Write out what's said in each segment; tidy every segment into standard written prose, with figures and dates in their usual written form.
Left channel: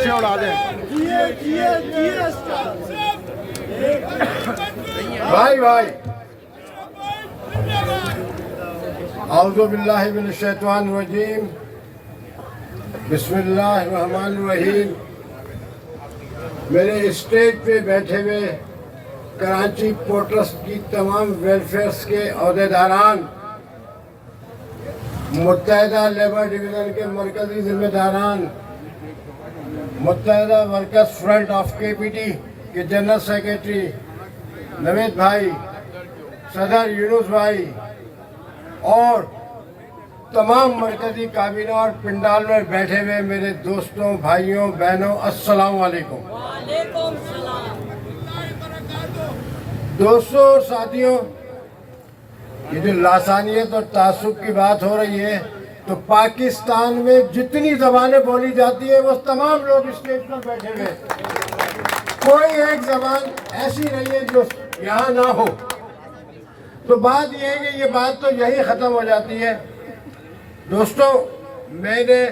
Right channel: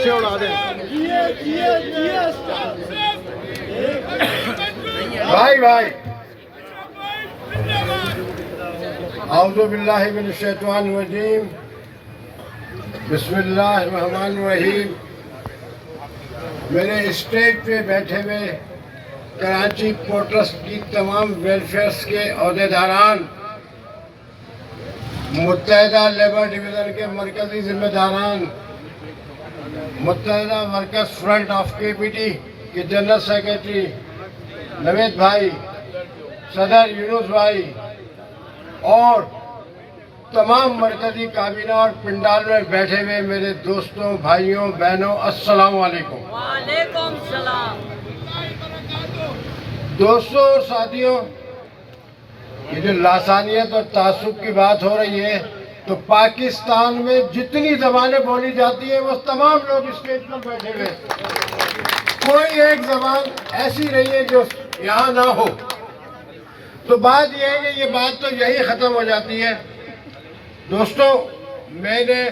اچھے اڑا دیں بھائی اعوذ باللہ من الشیطان الرجیم بسم اللہ الرحمن الرحیم. میرے اسٹیج پہ بیٹھے ہوئے کراچی پورٹ ٹرسٹ کی تمام ویلفیئرس کے عہدیداران، متحدہ لیبر ڈویژن کے مرکزی ذمہ داران، متحدہ ورکرز فرنٹ آف کے پی ٹی کے جنرل سیکریٹری نوید بھائی، صدر یونس بھائی اور تمام مرکزی کابینہ اور پنڈال میں بیٹھے ہوئے میرے دوستوں، بھائیوں، بہنوں، السلام علیکم. وعلیکم السلام. دوستوں اور ساتھیوں، یہ جو لاسانیت اور تعصب کی بات ہو رہی ہے تو پاکستان میں جتنی زبانیں بولی جاتی ہیں وہ تمام لوگ اسٹیج پر بیٹھے ہوئے، کوئی ایک زبان ایسی نہیں ہے جو یہاں نہ ہو. تو بات یہ ہے کہ یہ بات تو یہی ختم ہو جاتی ہے. دوستو، میں نے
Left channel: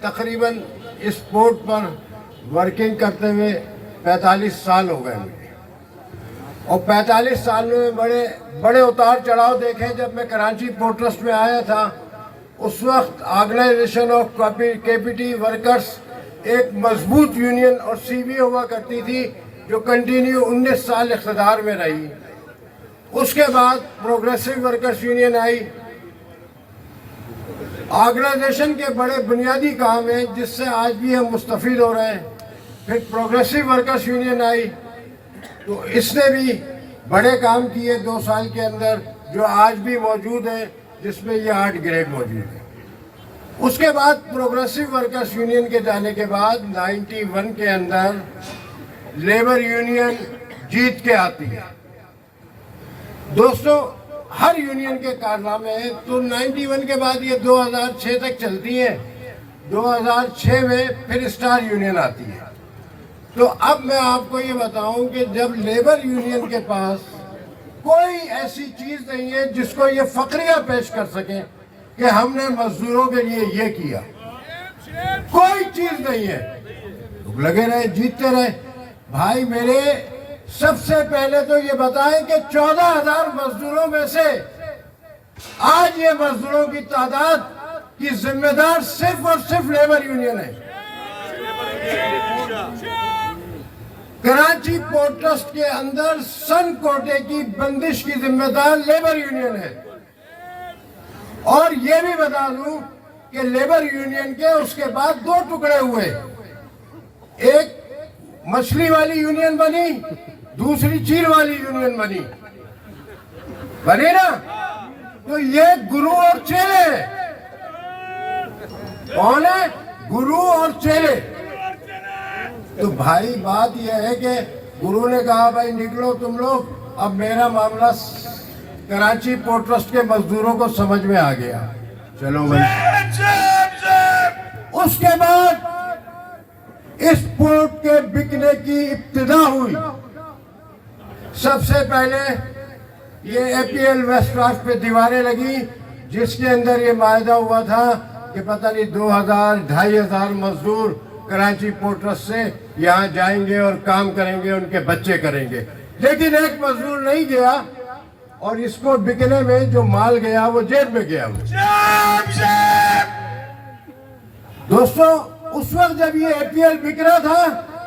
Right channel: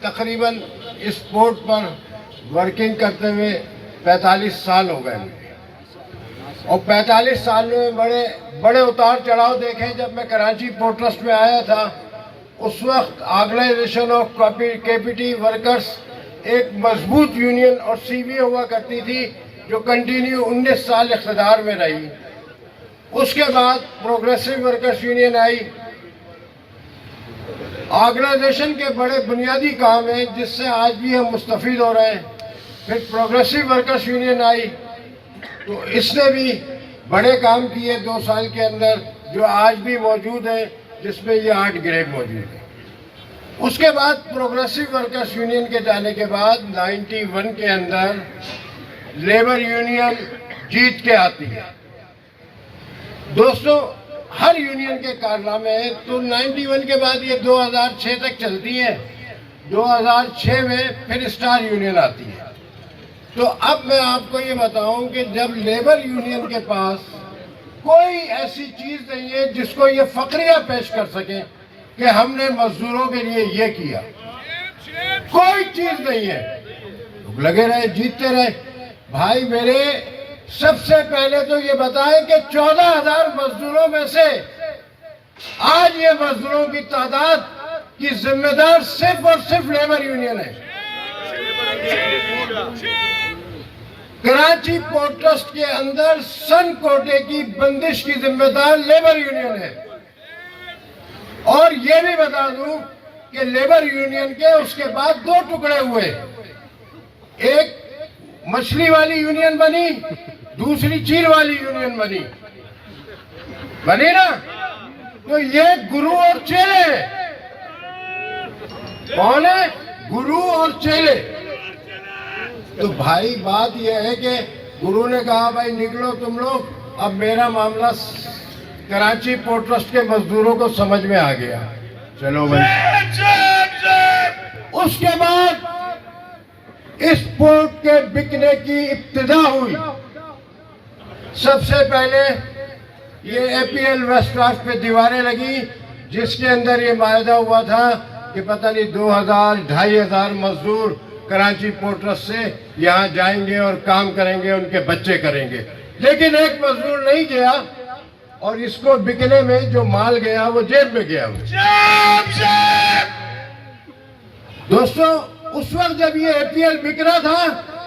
تقریباً اس پورٹ پر ورکنگ کرتے ہوئے 45 سال ہو گئے مجھے، اور 45 سالوں میں بڑے اتار چڑھاؤ دیکھے. جب میں کراچی پورٹ ٹرسٹ میں آیا تھا اس وقت آرگنائزیشن آف کے پی ٹی ورکرز ایک مضبوط یونین اور سی بی ہوا کرتی تھی جو کنٹینیو 19 سال اقتدار میں رہی. اس کے بعد پروگریسو ورکرز یونین آئی. آرگنائزیشن کے بڑے بنیادی کام ہیں جس سے آج بھی ہم مستفید ہو رہے ہیں. پھر پروگریسو ورکرز یونین آئی تو اس نے بھی بڑے کام کیے 2 سال کے اندر، جو آج بھی موجود ہے، جس میں یہ 8 گریڈ موجود ہے. اس کے بعد پروگریسو ورکرز یونین کے جانے کے بعد 91 کے اندر لیبر یونین جیت کے آتی ہے. دوستو، ہر یونین کے کارنامے ہیں تو 91 کے بعد یہ 2006 تک چلتی ہے. 2006 میں پھر اسٹار یونین آتی ہے. تو اب میں آپ کو یہ بتاؤں کہ جب لیبر یونین کے پاس کوئی ایسی چیز نہیں ہے جس کو یہ فقریہ پیش کر سکے کہ ہم نے مزدوروں کے لیے یہ کیا، کوئی چیز نہیں ہے. لگے رہے، جیتتے رہے. بھائی میرے، سب سے پہلے تو یہ بتائیں کہ 14,000 مزدوروں میں سے آج یہ مزدوروں کی تعداد کی ذمہ دار صرف اور صرف لیبر یونین ہے. کراچی پورٹ ٹرسٹ کے اندر سن کوٹے کی بندش کی ذمہ دار لیبر یونین ہے. اور یہ بھی بتا دوں کہ لیبر یونین کے اس کے بعد 2 ٹکڑے ہوئے. ایک مچھلی والی یونین بنی، دوسری چیل والی یونین بنی نا. تو یہ گرو اور چیلے کون ہے؟ گرو اور چیلے. تو بھائی بات یہ ہے کہ گرو نے کہا بھائی نکلو تم لوگ، اب میرا معاملہ کراچی پورٹ ٹرسٹ کے مزدوروں کو سمجھ میں آ گیا، چلو بھائی. اس کے بعد اس پورٹ کے بکنے کی ابتدا ہوئی. سب سے پہلے یہ اے پی ایل ویسٹ رافٹ پہ دیواریں لگی جس کے اندر یہ معاہدہ ہوا تھا کہ پتہ نہیں 2,000-2,500 مزدور کراچی پورٹ ٹرسٹ سے یہاں جائیں گے اور کام کریں گے، ان کے بچے کریں گے. لیکن ایک مزدور نہیں گیا اور اس کو بکنے میں جو مال گیا وہ جیب میں گیا. دوستو، اس وقت جب یہ اے پی ایل بک رہا تھا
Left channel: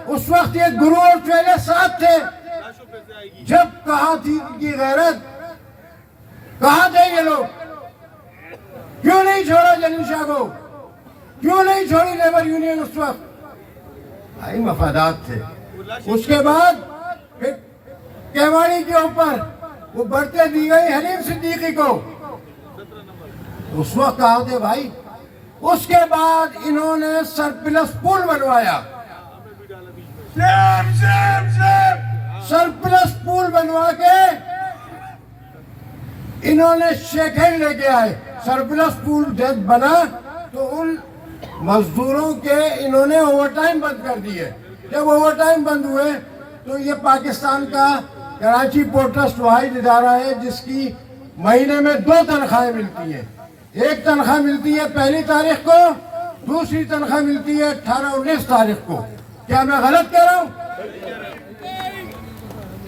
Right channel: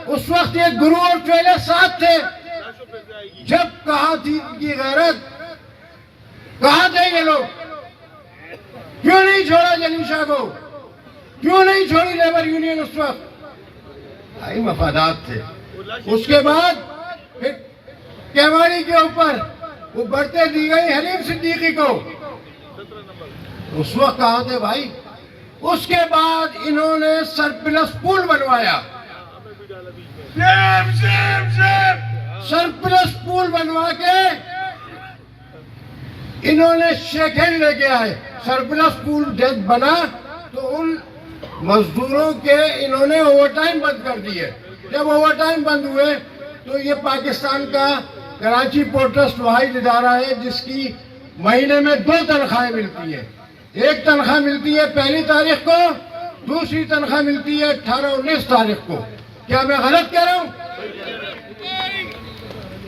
اس وقت یہ گرو اور چیلے ساتھ تھے. جب کہاں تھی ان کی غیرت؟ کہاں تھے یہ لوگ؟ کیوں نہیں چھوڑا جنیشا کو؟ کیوں نہیں چھوڑی لیبر یونین اس وقت؟ بھائی مفادات تھے. اس کے بعد پھر کیواڑی کے اوپر وہ بڑھتے دی گئی حریم صدیقی کو. اس وقت کہاں تھے بھائی؟ اس کے بعد انہوں نے سرپلس پول بنوایا. سرپلس پول بنوا کے انہوں نے شیخ ہینڈ لے کے آئے. سرپلس پول جب بنا تو ان مزدوروں کے انہوں نے اوور ٹائم بند کر دیے. جب اوور ٹائم بند ہوئے تو یہ پاکستان کا کراچی پورٹ ٹرسٹ واحد ادارہ ہے جس کی مہینے میں 2 تنخواہیں ملتی ہیں. ایک تنخواہ ملتی ہے 1 تاریخ کو، دوسری تنخواہ ملتی ہے 18-19 تاریخ کو. کیا میں غلط کہہ رہا ہوں؟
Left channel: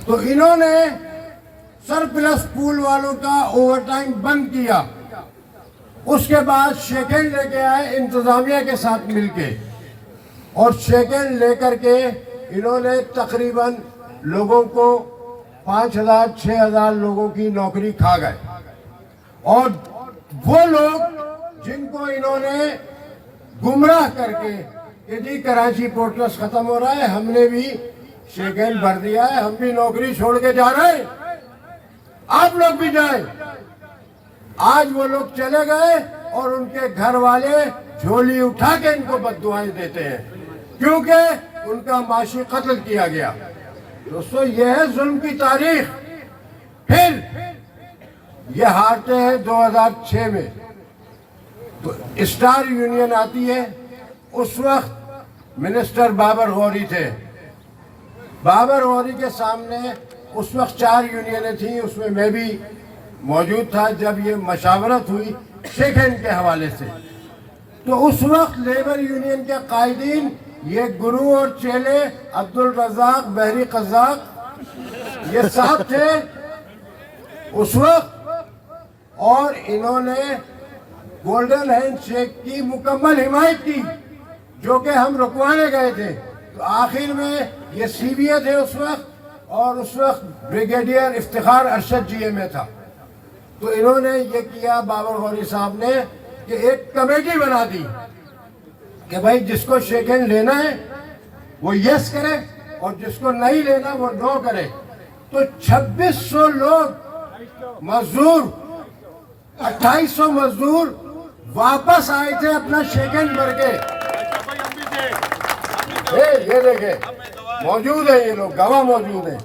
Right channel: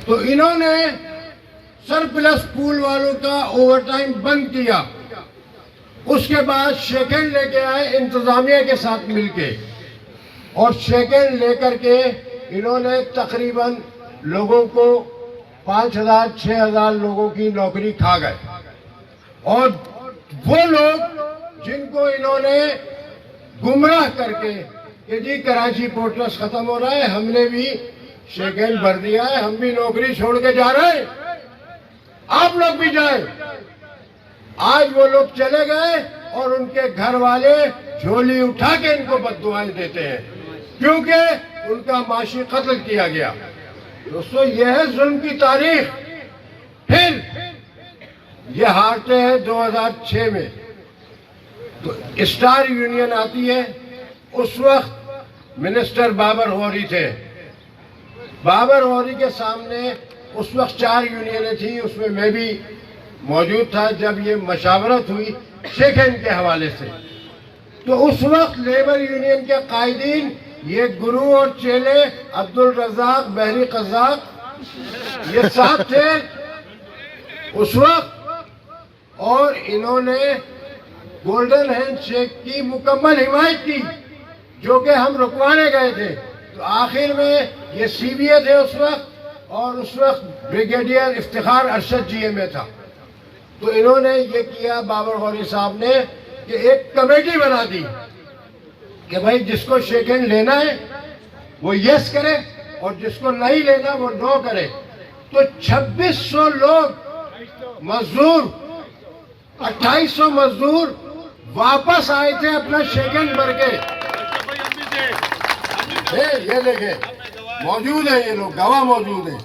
تو انہوں نے سرپلس پول والوں کا اوور ٹائم بند کیا. اس کے بعد شیکن لے کے آئے انتظامیہ کے ساتھ مل کے, اور شیکن لے کر کے انہوں نے تقریباً لوگوں کو 5,000 6,000 لوگوں کی نوکری کھا گئے. اور وہ لوگ جن کو انہوں نے گمراہ کر کے کہ جی کراچی پورٹ ٹرسٹ ختم ہو رہا ہے, ہم نے بھی شیکن بھر دیا ہے, ہم بھی نوکری چھوڑ کے جا رہے ہیں, آپ لوگ بھی جائیں. آج وہ لوگ چلے گئے اور ان کے گھر والے جھولی اٹھا کے ان کو بددعائیں دیتے ہیں کیونکہ ان کا معاشی قتل کیا گیا. دوستو, یہ ہے ظلم کی تاریخ. پھر یہ ہارتے ہیں 2006 میں, تو اسٹار یونین آتی ہے. اس وقت منسٹر بابر غوری تھے. بابر غوری کے سامنے اس وقت 4 یونینیں تھیں, اس میں میں بھی موجود تھا جب یہ مشاورت ہوئی شیکن کے حوالے سے. تو اس وقت لیبر یونین کے قائدین یہ گرو اور چیلے عبدالرزاق بحری قزاق یہ ساتھ تھے اس وقت, اور انہوں نے گولڈن ہینڈ شیک کی مکمل حمایت کی جو کہ ہم رکوانے گئے تھے. تو آخر میں یہ سی بی اے تھے اس وقت, اور اس وقت بریگیڈیئر افتخار ارشد جی اے میں تھا. تو انہوں نے یہ کیا بابر غوری صاحب نے کہ ایک کمیٹی بنا دی کہ بھائی جس کو شیکن لینا ہے وہ یس کرے اور جس کو نہیں لینا وہ نو کرے. تو 2600 لوگ مزدور 2800 مزدور واپس آئے تھے اپنا شیکن بھر کے. یہ دیکھیں موجود ہیں, یہ لوگ گواہ موجود ہیں.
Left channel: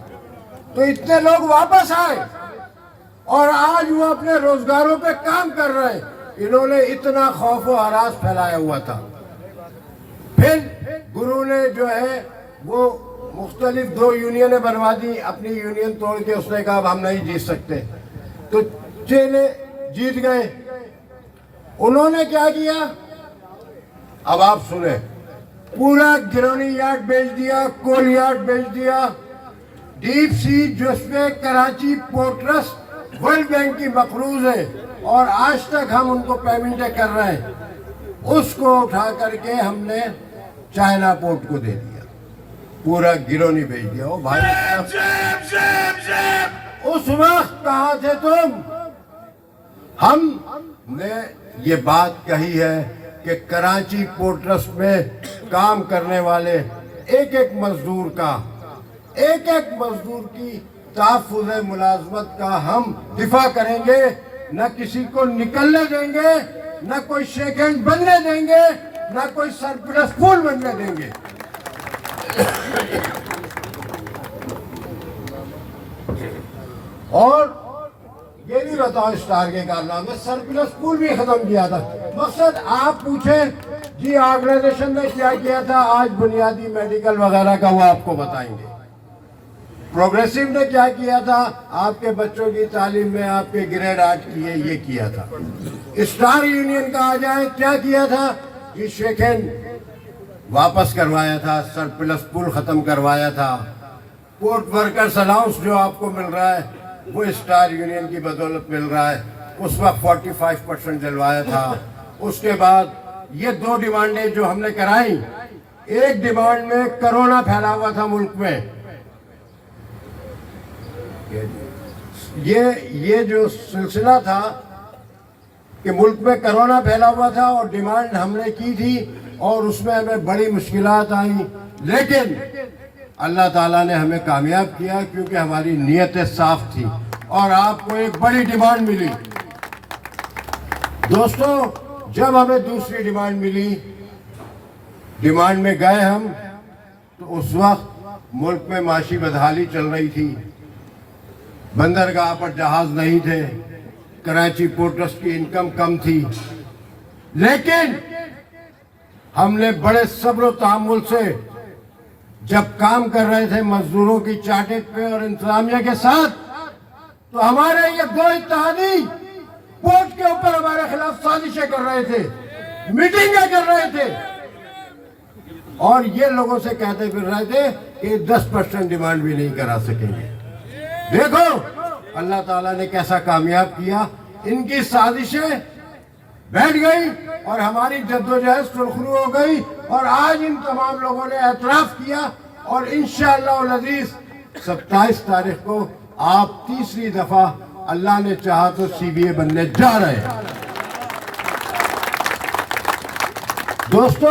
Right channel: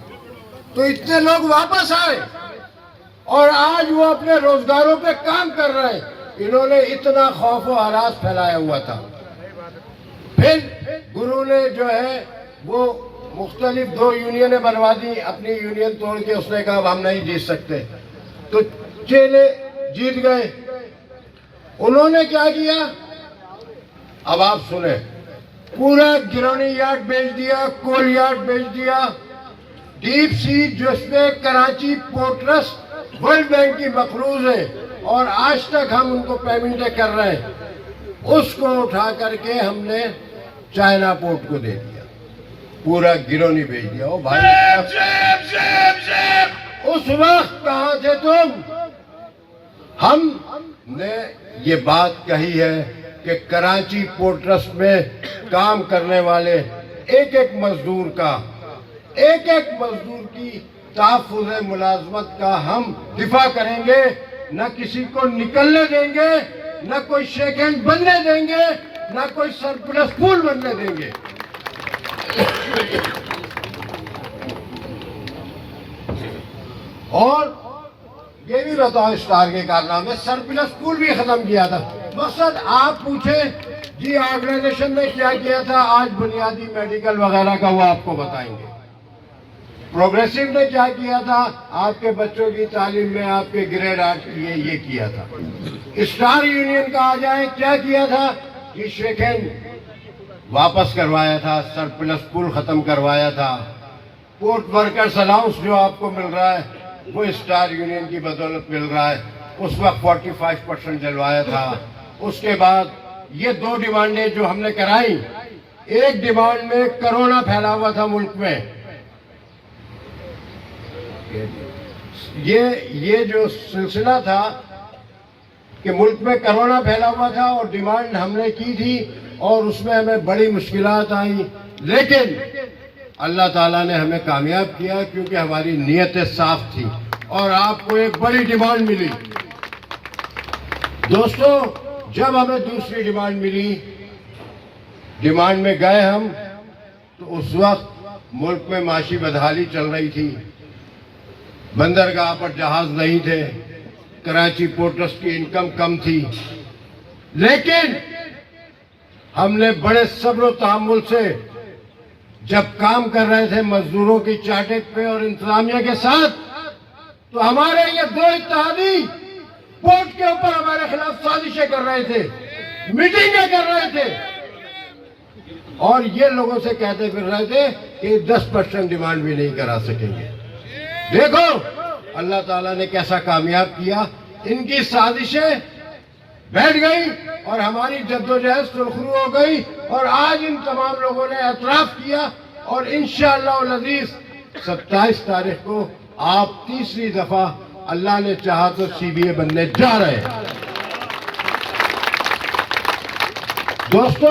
تو اتنے لوگ واپس آئے اور آج وہ اپنے روزگاروں پہ کام کر رہے ہیں. انہوں نے اتنا خوف و ہراس پھیلایا ہوا تھا. پھر گرو نے جو ہے وہ مختلف 2 یونینیں بنوا دی, اپنی یونین توڑ کے اس نے کہا اب ہم نہیں جیت سکتے. تو چیلے جیت گئے. انہوں نے کیا کیا اب آپ سنیں, پورا گرونی یارڈ بیچ دیا, کول یارڈ بیچ دیا, ڈیپ سی جس پہ Karachi port trust world bank کی مقروض ہے اور آج تک ہم ان کو پیمنٹیں کر رہے ہیں, اس کو اٹھا کر کے ہم نے چائنا پورٹ کو دے دیا. پورا گرونی بیچ دیا. او بھائی اس وقت کہاں تھے تم؟ ہم نے یہ بات کہی ہے کہ کراچی پورٹ ٹرسٹ میں کام کرنے والے ایک ایک مزدور کا, ایک ایک مزدور کی تحفظ ملازمت کا ہم دفاع کریں گے. نہ کسی کو نکلنے دیں گے, نہ کوئی شیکن بننے دیں گے, نہ کوئی سرپلس پول بننے دیں گے. اور یہ بھی بتاؤ اسٹار کے کارنامے, سرپلس پول بھی ختم کیا تھا. مقصد آپ پوچھیں جی آرگنائزیشن نے کیا کیا تھا, آج بنیادی میڈیکل وغیرہ کا وہ آپ کو بتائیں گے. پروگریسو نے کیا کیا تھا, آپ کے بچوں کی تعلیم میں آپ کے گریڈ 8 کیے, یہ کیا تھا. اسٹار یونین کا آ جائیں کیا کیا تھا, یہ شیکن واپس کروایا تھا, سرپلس پول ختم کروایا تھا. پورٹ ورکرز الاؤنس جو آپ کو مل رہا ہے وہ اسٹار یونین کی بدولت مل رہا ہے. اس وقت 45% دلوایا تھا. اس کے بعد یہ 2 ڈیمانڈیں جو ہم نے کرائی, ایک ڈیمانڈ میں کرونا پھیلا ہوا تھا ملک میں, یہ جو سلسلہ تھا کہ ملک میں کرونا پھیلا ہوا تھا اور ڈیمانڈ ہم نے کی تھی اور اس میں ہمیں بڑی مشکلات آئیں, لیکن اللہ تعالیٰ نے ہمیں کامیاب کیا کیونکہ ہماری نیتیں صاف تھی اور آپ کو ایک بڑی ڈیمانڈ ملی. دوستو, جب ہمیں دوسری ڈیمانڈ ملی, ڈیمانڈ میں گئے ہم, تو اس وقت ملک میں معاشی بدحالی چل رہی تھی, بندرگاہ پر جہاز نہیں تھے, کراچی پورٹ ٹرسٹ کی انکم کم تھی, لیکن ہم نے بڑے صبر و تحمل سے جب کام کر رہے تھے مزدوروں کی چارٹر پہ اور انتظامیہ کے ساتھ, تو ہمارے یہ 2 اتحادی پورٹ کے اوپر ہمارے خلاف سازشیں کر رہے تھے, میٹنگیں کر رہے تھے. اور یہ لوگوں سے کہتے پھر رہے تھے کہ 10% ڈیمانڈ بھی نہیں کرا سکیں گے. دیکھو اللہ تعالیٰ نے کیسا کامیاب کیا. ان کی سازشیں بیٹھ گئی اور ہماری جدوجہد سرخرو ہو گئی اور آج ان تمام لوگوں نے اعتراف کیا اور انشاءاللہ العزیز 27 تاریخ کو آپ تیسری دفعہ اللہ نے چاہا تو CBA بننے جا رہے ہیں. دوستو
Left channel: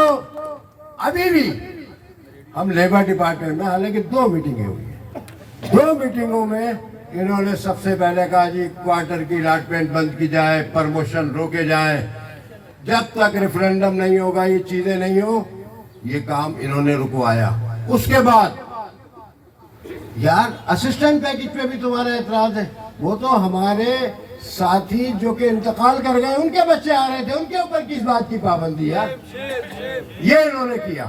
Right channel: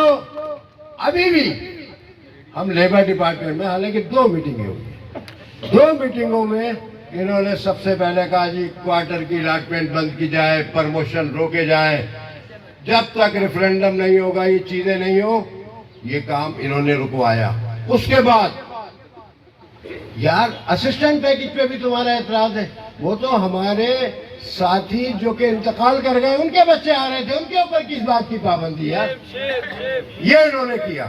ابھی بھی ہم لیبر ڈپارٹمنٹ میں حالانکہ 2 میٹنگیں ہوئی ہیں. 2 میٹنگوں میں انہوں نے سب سے پہلے کہا جی کوارٹر کی الاٹمنٹ بند کی جائے, پرموشن روکے جائیں, جب تک ریفرینڈم نہیں ہوگا یہ چیزیں نہیں ہو, یہ کام انہوں نے رکوایا. اس کے بعد یار اسسٹنٹ پیکج پہ بھی تمہارا اعتراض ہے. وہ تو ہمارے ساتھی جو کہ انتقال کر گئے ان کے بچے آ رہے تھے, ان کے اوپر کس بات کی پابندی ہے؟ یہ انہوں نے کیا.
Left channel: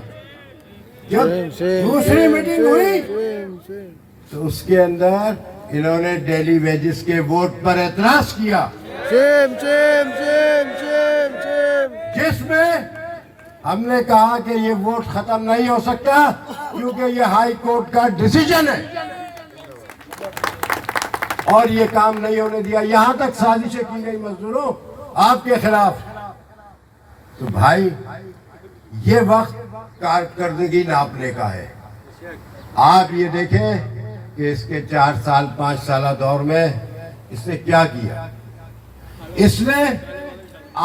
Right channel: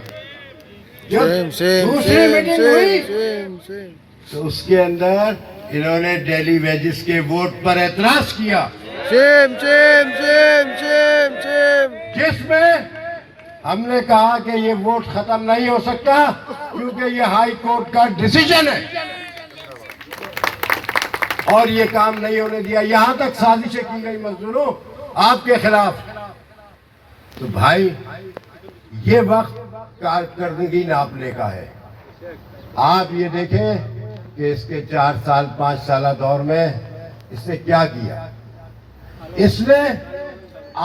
جب دوسری میٹنگ ہوئی تو اس کے اندر انہوں نے ڈیلی ویجز کے ووٹ پر اعتراض کیا, جس میں ہم نے کہا کہ یہ ووٹ ختم نہیں ہو سکتا کیونکہ یہ ہائی کورٹ کا ڈیسیجن ہے اور یہ کام نہیں ہونے دیا. یہاں تک سازشیں کی گئی مزدوروں آپ کے خلاف. تو بھائی یہ وقت کارکردگی ناپنے کا ہے. آپ یہ دیکھیں کہ اس کے 4 سال 5 سالہ دور میں اس نے کیا کیا. اس نے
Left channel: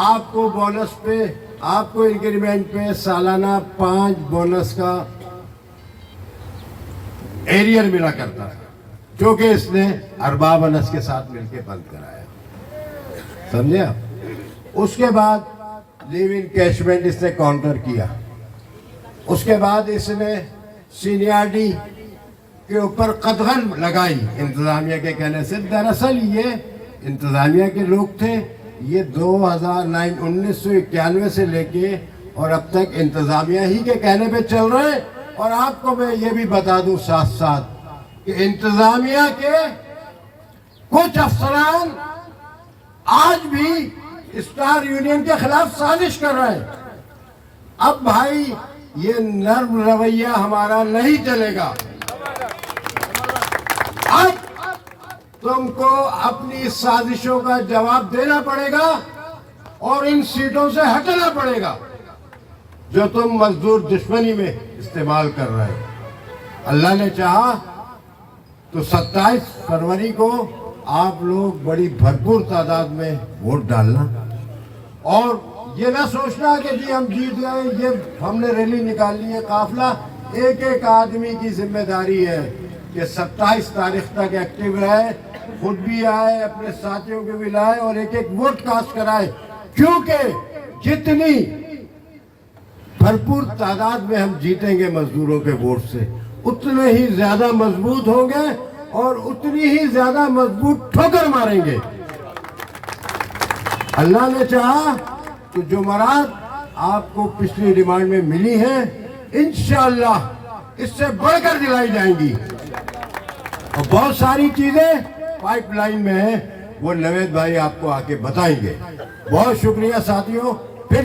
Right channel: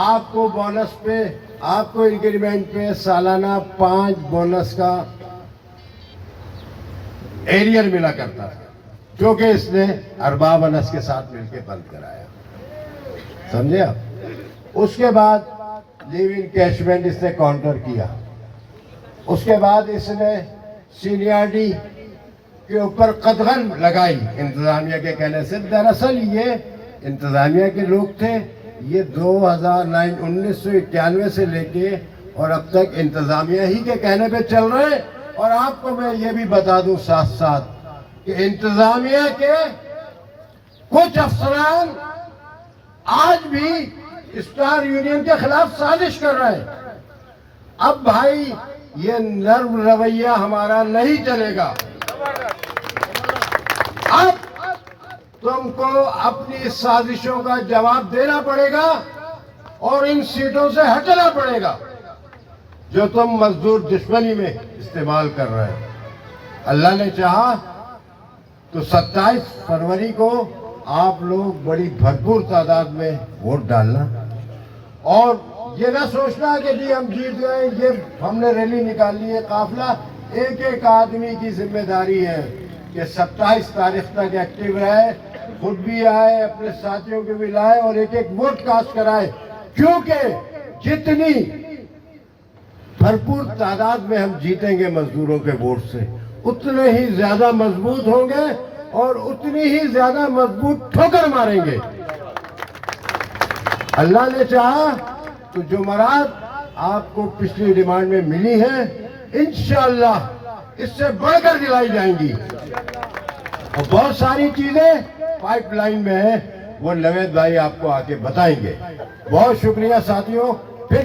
آپ کو بونس پہ, آپ کو انکریمنٹ پہ سالانہ 5 بونس کا ایریئر ملا کرتا تھا جو کہ اس نے ارباب انس کے ساتھ مل کے بند کرایا. سمجھے آپ؟ اس کے بعد لیو ان کیشمنٹ اس نے کاؤنٹر کیا. اس کے بعد اس نے سینیارٹی کے اوپر قدغن لگائی انتظامیہ کے کہنے سے. دراصل یہ انتظامیہ کے لوگ تھے, یہ 1991 سے لے کے اور اب تک انتظامیہ ہی کے کہنے پہ چل رہے. اور آپ کو میں یہ بھی بتا دوں ساتھ ساتھ کہ انتظامیہ کے کچھ افسران آج بھی اسٹار یونین کے خلاف سازش کر رہے ہیں. اب بھائی یہ نرم رویہ ہمارا نہیں چلے گا. اب تم کو اپنی سازشوں کا جواب دینا پڑے گا اور ان سیٹوں سے ہٹنا پڑے گا جو تم مزدور دشمنی میں استعمال کر رہے ہیں. اللہ نے چاہا تو 27 فروری کو آپ لوگ بڑی بھرپور تعداد میں ووٹ ڈالنا اور یہ نہ سوچنا کہ جی ہم جیت گئے, یہ ہم نے ریلی نکالی ہے. قافلہ ایک ایک آدمی کی ذمہ داری ہے کہ 27 تاریخ تک ایکٹیو رہے, خود بھی آئے, اپنے ساتھیوں کو بھی لائے اور ایک ایک ووٹ کاسٹ کرائے. کیونکہ جتنی بھرپور تعداد میں ہم جیتیں گے مزدوروں کے ووٹ سے اتنے ہی زیادہ مضبوط ہوں گے اور اتنی ہی زیادہ مضبوط ٹھوکر ماریں گے. اللہ نے چاہا تو جمعرات آپ کو پچھلی ڈیمانڈ میں ملی ہیں انشاءاللہ اس سے بڑھ کر دلائی جائیں گی. اور بہت ساری چیزیں پائپ لائن میں ہیں, وہ نوید بھائی آپ کو آ کے بتائیں گے. بہت شکریہ ساتھیوں.